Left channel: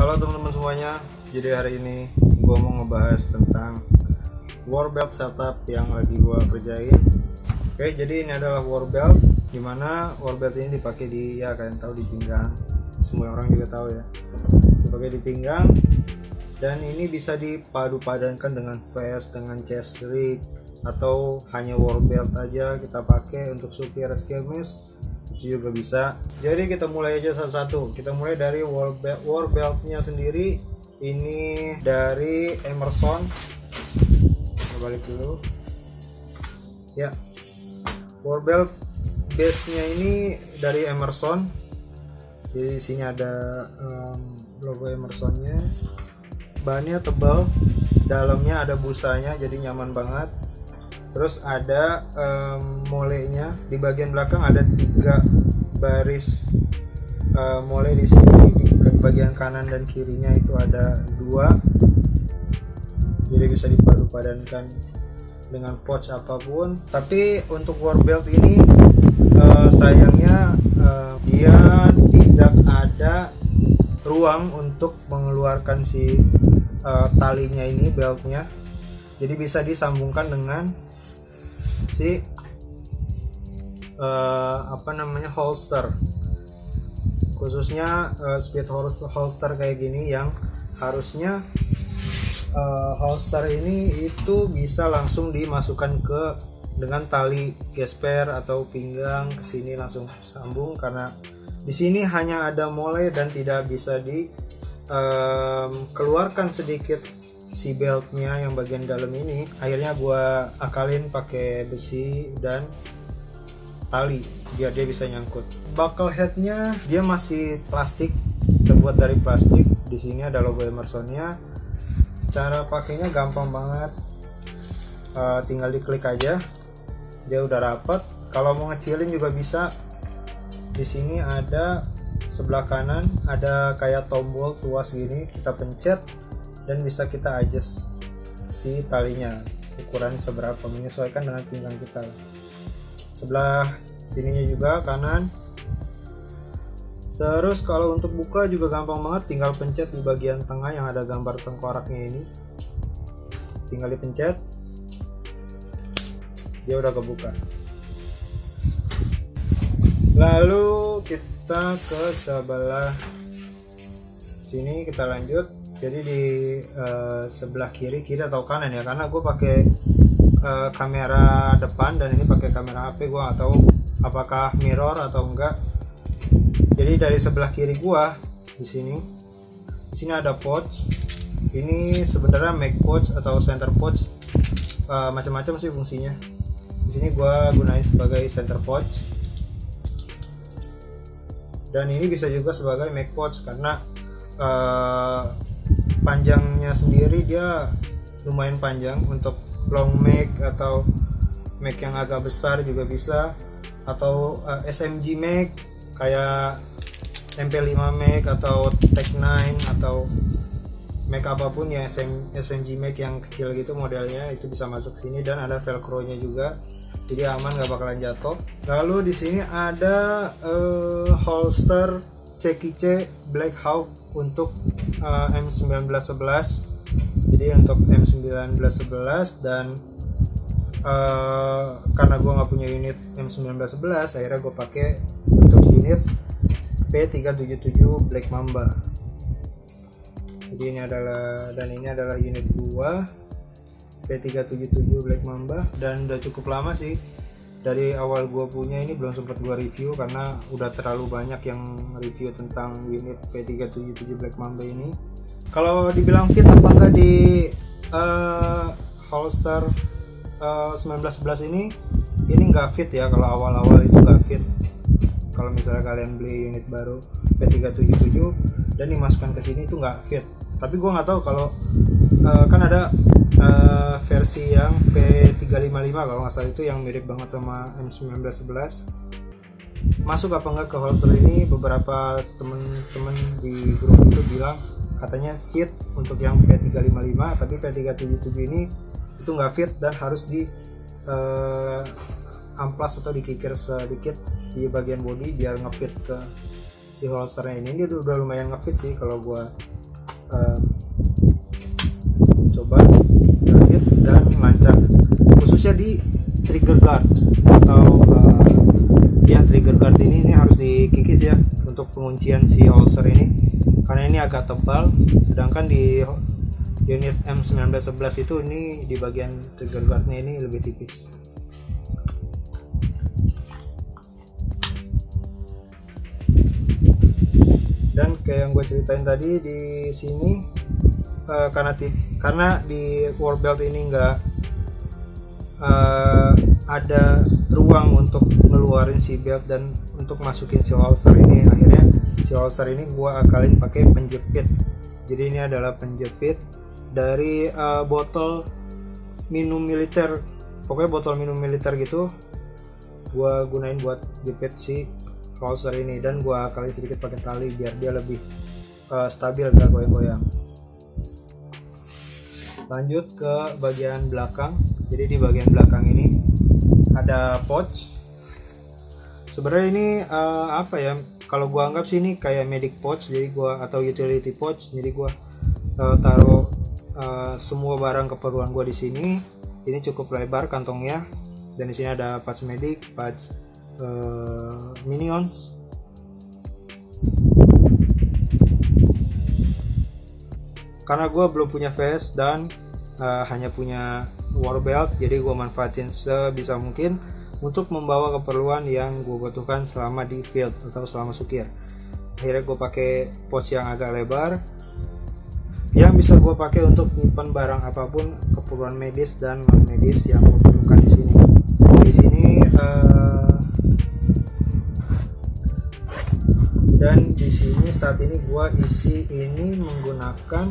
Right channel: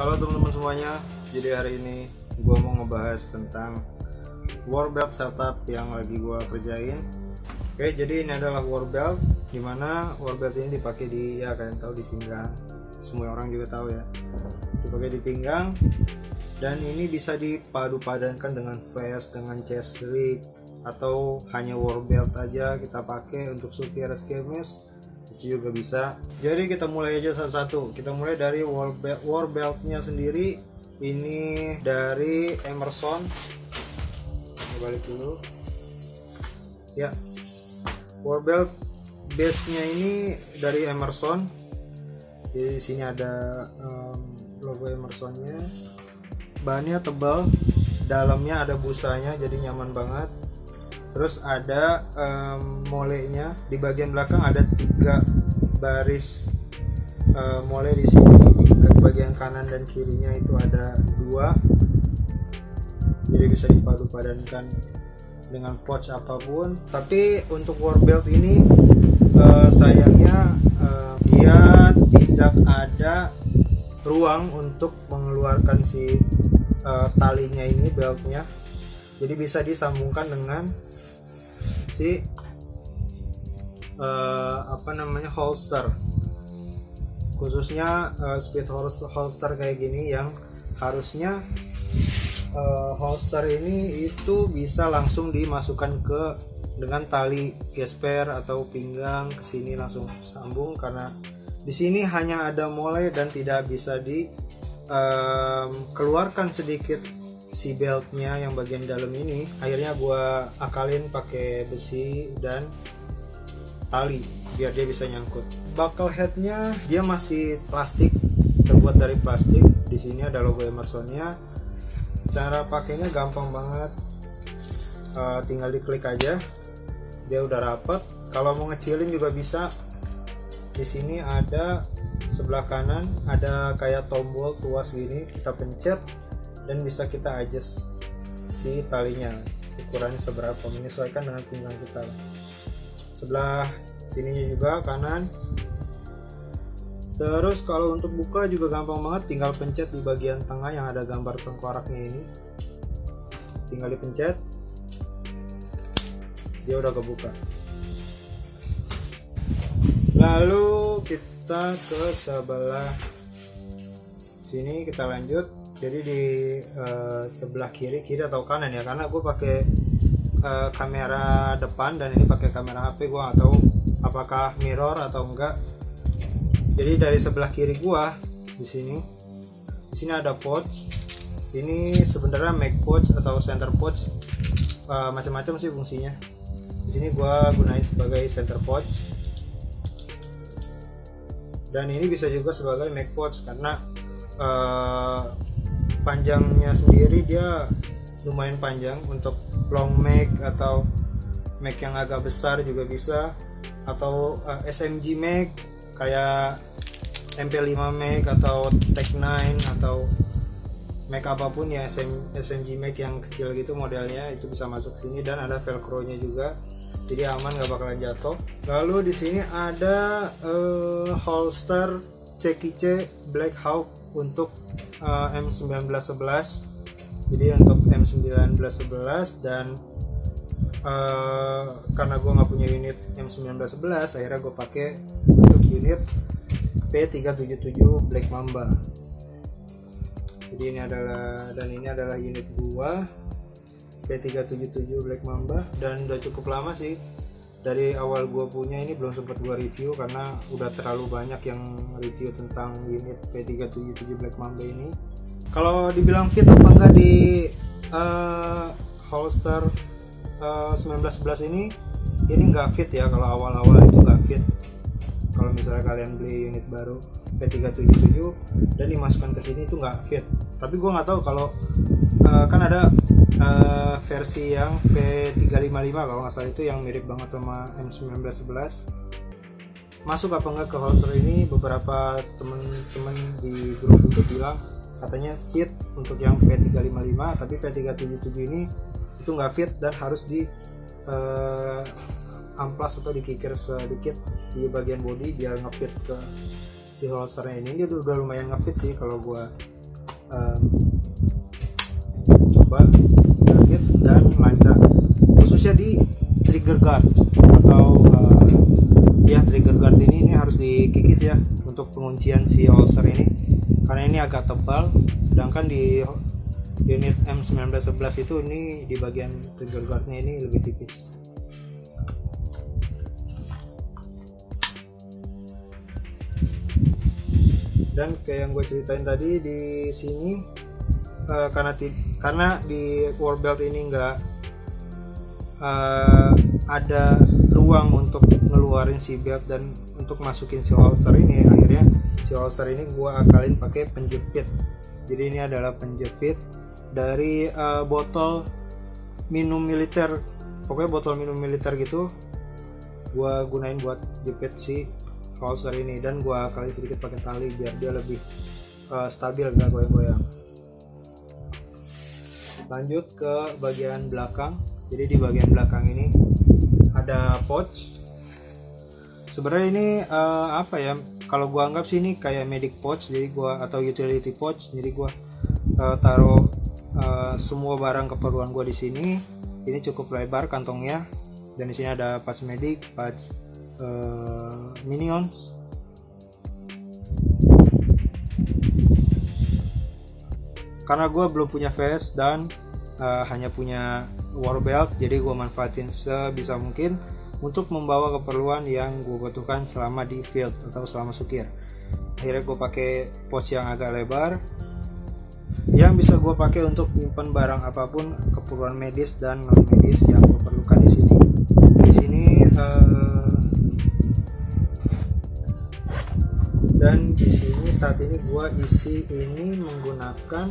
Halo teman-teman semuanya, jadi hari ini gue mau ngebahas tentang war belt setup yang lagi gue kerjain. Oke, jadi ini adalah war belt, dimana war belt ini dipakai di, ya kalian tahu, di pinggang. Semua orang juga tahu ya, dipakai di pinggang. Dan ini bisa dipadu-padankan dengan vest, dengan chest rig, atau hanya war belt aja kita pakai untuk supir skirmish, itu juga bisa. Jadi kita mulai aja satu-satu. Kita mulai dari war beltnya sendiri. Ini dari Emerson. Kita balik dulu ya. War belt base nya ini dari Emerson. Jadi di sini ada logo Emersonnya. Bahannya tebal, dalamnya ada busanya, jadi nyaman banget. Terus ada molenya di bagian belakang, ada 3 baris mole di sini. Di bagian kanan dan kirinya itu ada 2, jadi bisa dipadu-padankan dengan pouch apapun. Tapi untuk war belt ini sayangnya dia tidak ada ruang untuk mengeluarkan si talinya ini, beltnya. Jadi bisa disambungkan dengan si holster, khususnya speed holster kayak gini, yang harusnya holster ini itu bisa langsung dimasukkan ke dengan tali gesper atau pinggang ke sini, langsung sambung. Karena di sini hanya ada mole dan tidak bisa keluarkan sedikit si beltnya yang bagian dalam ini. Akhirnya gua akalin pakai besi dan tali biar dia bisa nyangkut. Buckle headnya dia masih plastik, terbuat dari plastik. Di sini ada logo Emersonnya. Cara pakainya gampang banget, tinggal diklik aja, dia udah rapat. Kalau mau ngecilin juga bisa. Di sini ada sebelah kanan ada kayak tombol tuas gini, kita pencet dan bisa kita adjust si talinya ukurannya seberapa, menyesuaikan dengan pinggang kita. Sebelah sininya juga kanan. Terus kalau untuk buka juga gampang banget, tinggal pencet di bagian tengah yang ada gambar tengkoraknya ini, tinggal dipencet, dia udah kebuka. Lalu kita ke sebelah sini, kita lanjut. Jadi di sebelah kiri atau kanan ya, karena gue pakai kamera depan dan ini pakai kamera HP, gue nggak tahu apakah mirror atau enggak. Jadi dari sebelah kiri gue di sini ada pouch. Ini sebenarnya make pouch atau center pouch, macam-macam sih fungsinya. Di sini gue gunain sebagai center pouch, dan ini bisa juga sebagai make pouch karena panjangnya sendiri dia lumayan panjang. Untuk long make atau make yang agak besar juga bisa, atau SMG make kayak MP5 make atau Tech 9 atau make apapun ya, SMG make yang kecil gitu modelnya, itu bisa masuk sini. Dan ada velcro nya juga, jadi aman, gak bakalan jatuh. Lalu di sini ada holster CKC Black Hawk untuk M1911. Jadi untuk M1911, dan karena gue nggak punya unit M1911, akhirnya gue pakai untuk unit P377 Black Mamba. Jadi ini adalah unit gua P377 Black Mamba, dan udah cukup lama sih. Dari awal gua punya ini belum sempat gua review karena udah terlalu banyak yang review tentang unit P377 Black Mamba ini. Kalau dibilang fit apa enggak di holster 1911 ini nggak fit ya. Kalau awal-awal itu nggak fit. Kalau misalnya kalian beli unit baru P377 dan dimasukkan ke sini itu nggak fit. Tapi gue nggak tahu kalau kan ada versi yang P355 kalau nggak salah, itu yang mirip banget sama M1911. Masuk apa nggak ke holster ini? Beberapa temen-temen di grup itu bilang katanya fit untuk yang P355, tapi P377 ini itu nggak fit dan harus di amplas atau dikikir sedikit di bagian body biar ngefit ke si holsternya ini. Dia udah lumayan ngefit sih kalau gua coba jahit dan lancar, khususnya di trigger guard atau ya trigger guard ini harus dikikis ya untuk penguncian si holster ini, karena ini agak tebal, sedangkan di unit M1911 itu ini di bagian trigger guardnya ini lebih tipis. Dan kayak yang gue ceritain tadi di sini, karena di war belt ini nggak ada ruang untuk ngeluarin si belt dan untuk masukin si holster ini, akhirnya si holster ini gue akalin pakai penjepit. Jadi ini adalah penjepit dari botol minum militer, pokoknya botol minum militer gitu, gue gunain buat jepit si holster ini, dan gue akalin sedikit pakai tali biar dia lebih stabil, gak goyang-goyang. Lanjut ke bagian belakang. Jadi di bagian belakang ini ada pouch. Sebenarnya ini apa ya, kalau gua anggap sih ini kayak medic pouch, jadi gua atau utility pouch. Jadi gua taruh semua barang keperluan gua di sini. Ini cukup lebar kantongnya, dan di sini ada patch medic, patch minions. Karena gue belum punya vest dan hanya punya war belt, jadi gue manfaatin sebisa mungkin untuk membawa keperluan yang gue butuhkan selama di field atau selama sukir. Akhirnya gue pakai pouch yang agak lebar, yang bisa gue pakai untuk menyimpan barang apapun, keperluan medis dan non medis yang gue perlukan di sini. Di sini dan di sini saat ini gue isi ini menggunakan,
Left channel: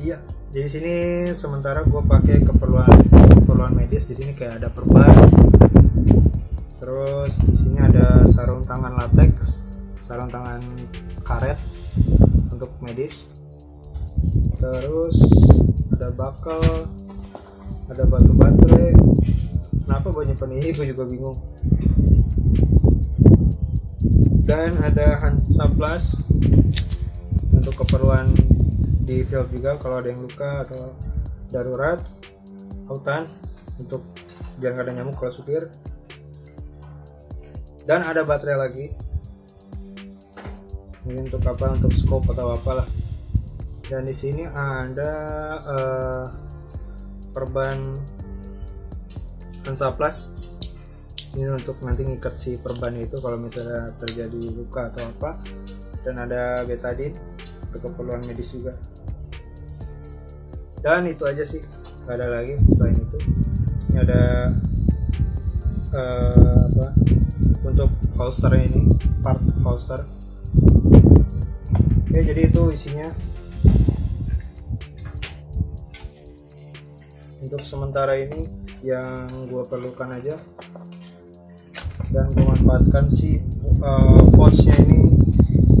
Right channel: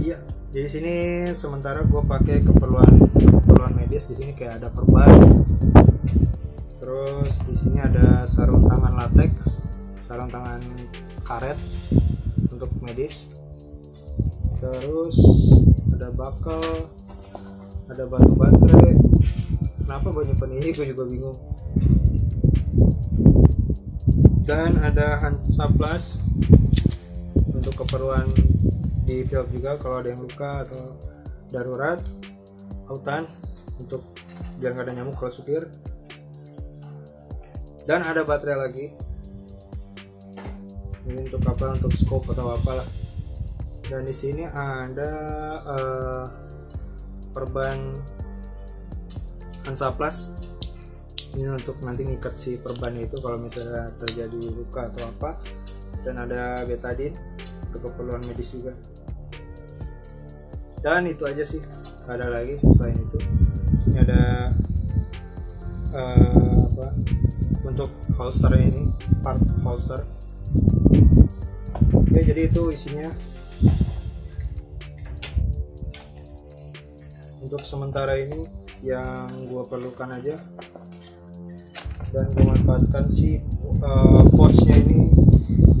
iya, jadi sini sementara gue pakai keperluan medis. Di sini kayak ada perban, terus di sini ada sarung tangan latex, sarung tangan karet untuk medis, terus ada bakal, ada batu baterai. Kenapa gue nyimpen ini, gue juga bingung. Dan ada Hansaplast untuk keperluan di field juga, kalau ada yang luka atau darurat. Autan untuk biar nggak ada nyamuk kalau supir. Dan ada baterai lagi, ini untuk apa, untuk scope atau apalah. Dan di sini ada perban Hansaplast, ini untuk nanti ngikat si perban itu kalau misalnya terjadi luka atau apa. Dan ada betadine untuk keperluan medis juga. Dan itu aja sih, gak ada lagi selain itu. Ini ada apa, untuk holster ini, part holster. Oke, jadi itu isinya. Untuk sementara ini yang gue perlukan aja, dan gue manfaatkan si pouchnya ini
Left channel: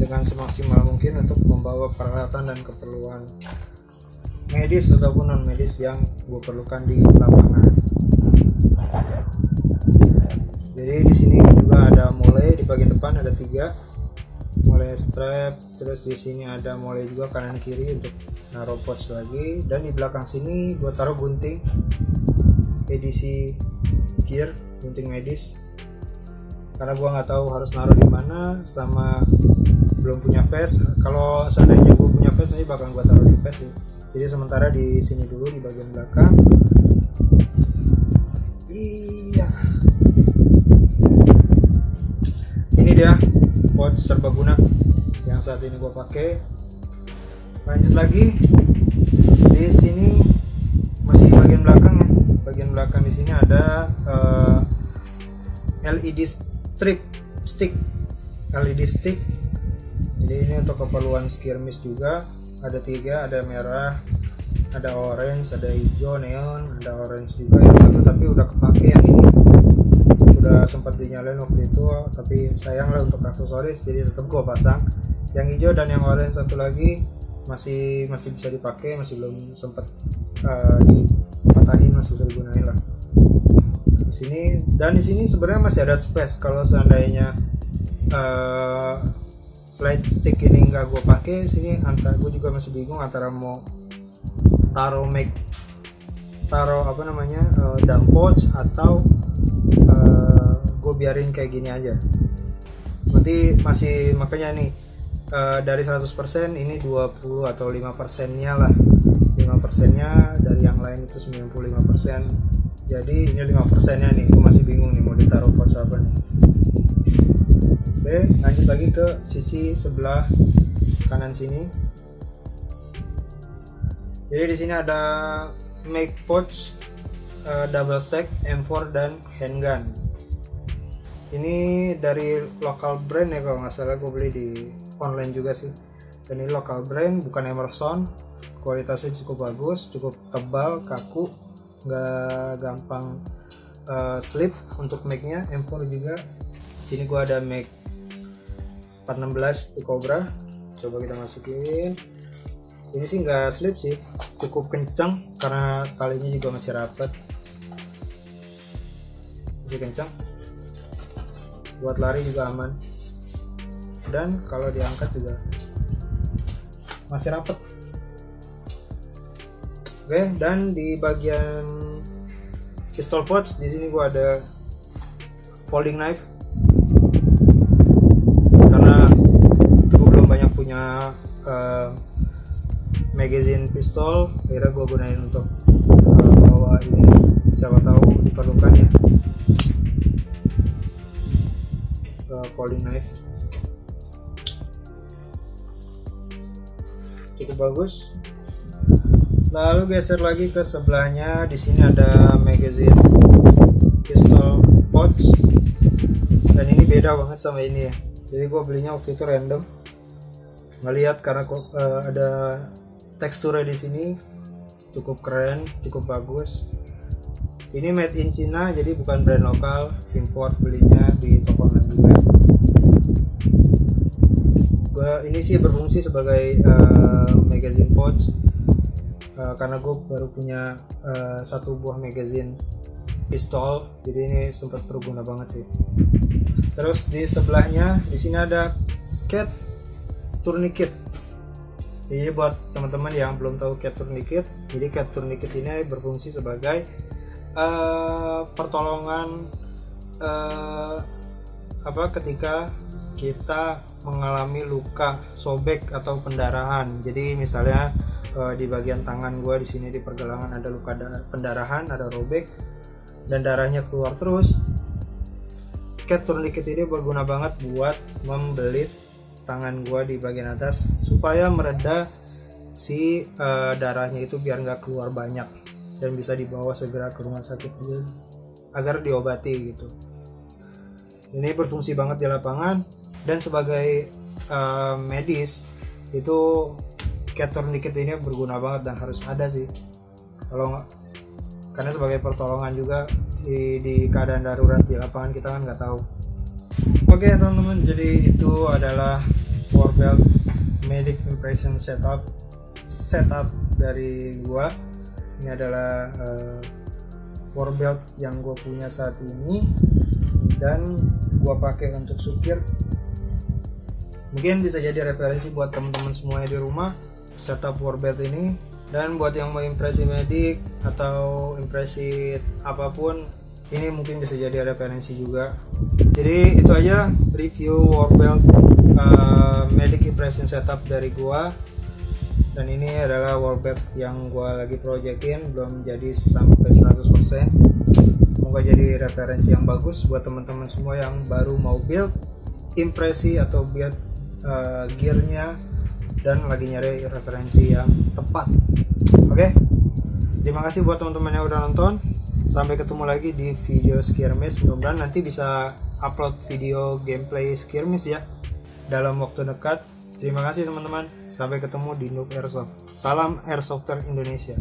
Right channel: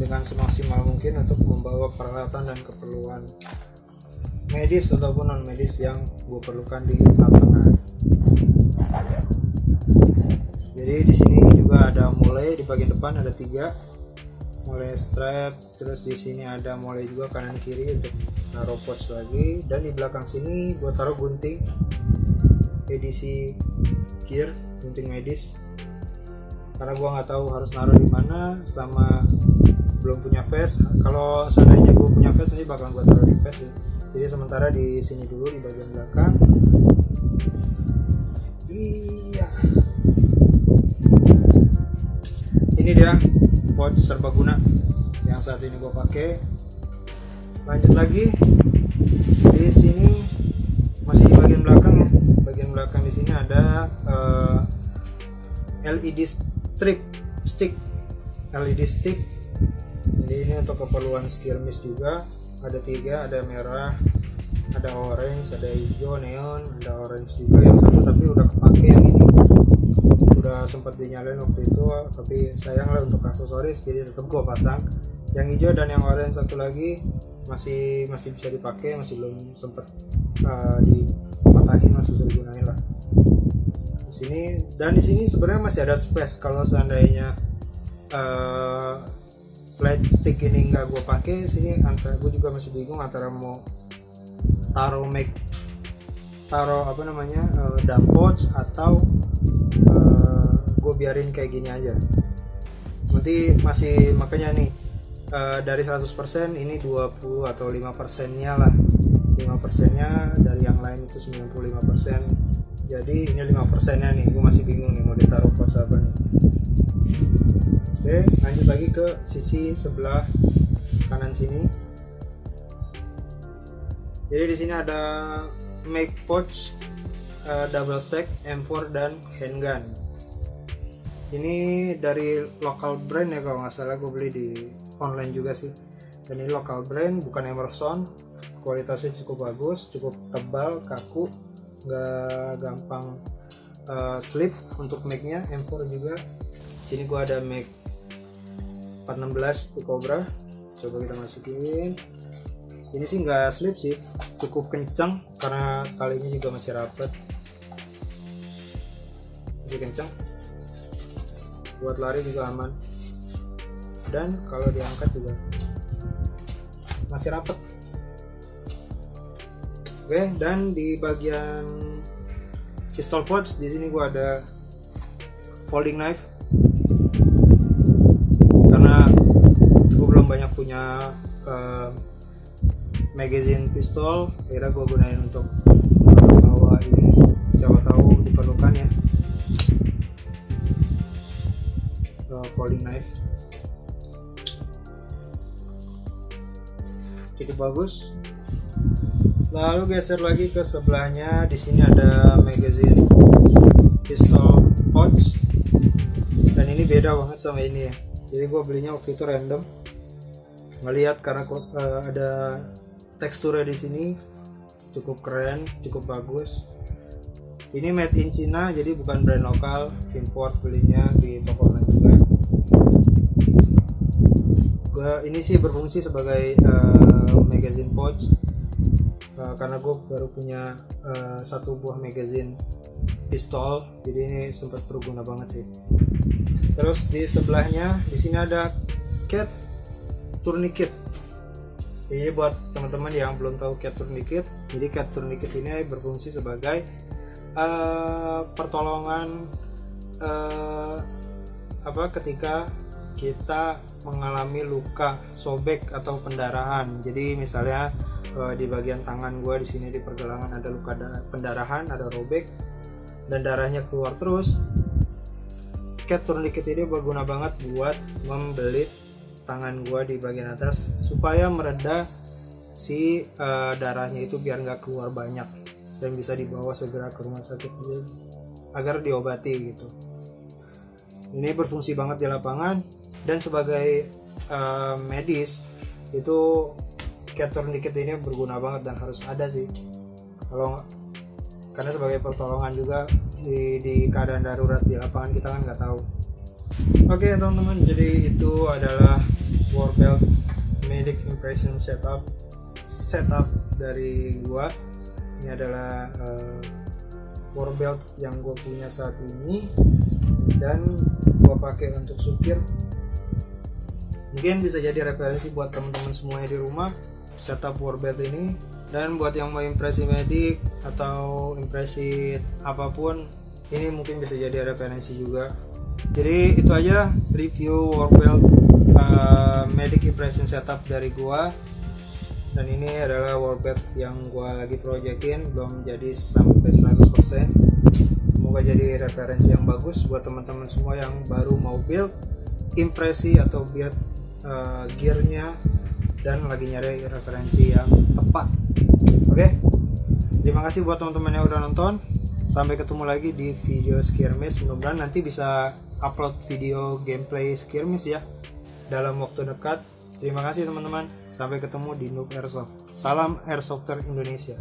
dengan semaksimal mungkin untuk membawa peralatan dan keperluan medis ataupun non medis yang gue perlukan di lapangan. Jadi di sini juga ada mole, di bagian depan ada 3 mole strap, terus di sini ada mole juga kanan kiri untuk naruh pouch lagi, dan di belakang sini gue taruh gunting edisi gear, gunting medis, karena gue nggak tahu harus naruh di mana selama belum punya vest. Kalau seandainya gue punya vest, nanti bakal gue taruh di vest ya. Jadi sementara di sini dulu di bagian belakang. Iya, ini dia pouch serbaguna yang saat ini gue pakai. Lanjut lagi, di sini masih di bagian belakang ya. Bagian belakang di sini ada LED stick. Jadi ini untuk keperluan skirmish juga. Ada 3, ada merah, ada orange, ada hijau neon, ada orange juga yang satu, tapi udah kepake yang ini. Udah sempat dinyalain waktu itu, tapi sayang lah untuk aksesoris, jadi tetap gua pasang. Yang hijau dan yang orange satu lagi masih bisa dipakai, masih belum sempat dipatahin, masih bisa digunain lah. Di sini, dan di sini sebenarnya masih ada space kalau seandainya flight stick ini nggak gue pakai sini, antara gue juga masih bingung antara mau taruh dump pouch atau gue biarin kayak gini aja. Nanti masih makanya nih dari 100% ini 20 atau 5% nya lah, 5% nya dari yang lain itu 95%, jadi ini 5% nya nih. Gue masih bingung nih mau ditaruh pouch apa nih. Oke, lanjut lagi ke sisi sebelah kanan sini. Jadi di sini ada make pouch double stack M4 dan handgun. Ini dari lokal brand ya kalau nggak salah, gue beli di online juga sih. Dan ini lokal brand, bukan Emerson. Kualitasnya cukup bagus, cukup tebal, kaku, nggak gampang slip untuk make-nya. M4 juga. Sini gue ada make 416 di Cobra. Coba kita masukin. Ini sih nggak slip sih, cukup kencang karena talinya juga masih rapat, masih kencang. Buat lari juga aman, dan kalau diangkat juga masih rapat. Oke, dan di bagian pistol pouch di sini gua ada folding knife karena gua belum banyak punya magazine pistol, akhirnya gua gunain untuk bawa ini, siapa tahu diperlukan ya. Folding knife cukup bagus. Lalu geser lagi ke sebelahnya, di sini ada magazine pistol pouch, dan ini beda banget sama ini ya. Jadi gue belinya waktu itu random, ngelihat karena ada teksturnya di sini cukup keren, cukup bagus. Ini made in China, jadi bukan brand lokal, import, belinya di toko online juga. Ini sih berfungsi sebagai magazine pouch karena gue baru punya satu buah magazine pistol, jadi ini sempat berguna banget sih. Terus di sebelahnya di sini ada cat tourniquet. Jadi buat teman-teman yang belum tahu cat tourniquet, jadi cat tourniquet ini berfungsi sebagai pertolongan ketika kita mengalami luka sobek atau pendarahan. Jadi misalnya di bagian tangan gue di sini di pergelangan ada luka pendarahan, ada robek dan darahnya keluar terus. Cat tourniquet ini berguna banget buat membelit tangan gue di bagian atas supaya mereda si darahnya itu biar nggak keluar banyak dan bisa dibawa segera ke rumah sakit agar diobati gitu. Ini berfungsi banget di lapangan, dan sebagai medis itu cat tourniquet ini berguna banget dan harus ada sih. Karena sebagai pertolongan juga di keadaan darurat di lapangan, kita kan nggak tahu. Oke teman-teman, jadi itu adalah Warbelt Medic Impression setup dari gua. Ini adalah warbelt yang gue punya saat ini dan gue pakai untuk supir. Mungkin bisa jadi referensi buat teman-teman semuanya di rumah setup warbelt ini. Dan buat yang mau impresi medik atau impresi apapun, ini mungkin bisa jadi referensi juga. Jadi itu aja review warbelt medic impression setup dari gua. Dan ini adalah warbelt yang gua lagi projekin, belum jadi sampai 100%. Semoga jadi referensi yang bagus buat teman-teman semua yang baru mau build impresi atau build gearnya dan lagi nyari referensi yang tepat. Oke, terima kasih buat teman-teman yang udah nonton. Sampai ketemu lagi di video skirmish. Mudah-mudahan nanti bisa upload video gameplay skirmish ya dalam waktu dekat. Terima kasih teman-teman. Sampai ketemu di Noob Airsoft. Salam Airsofter Indonesia.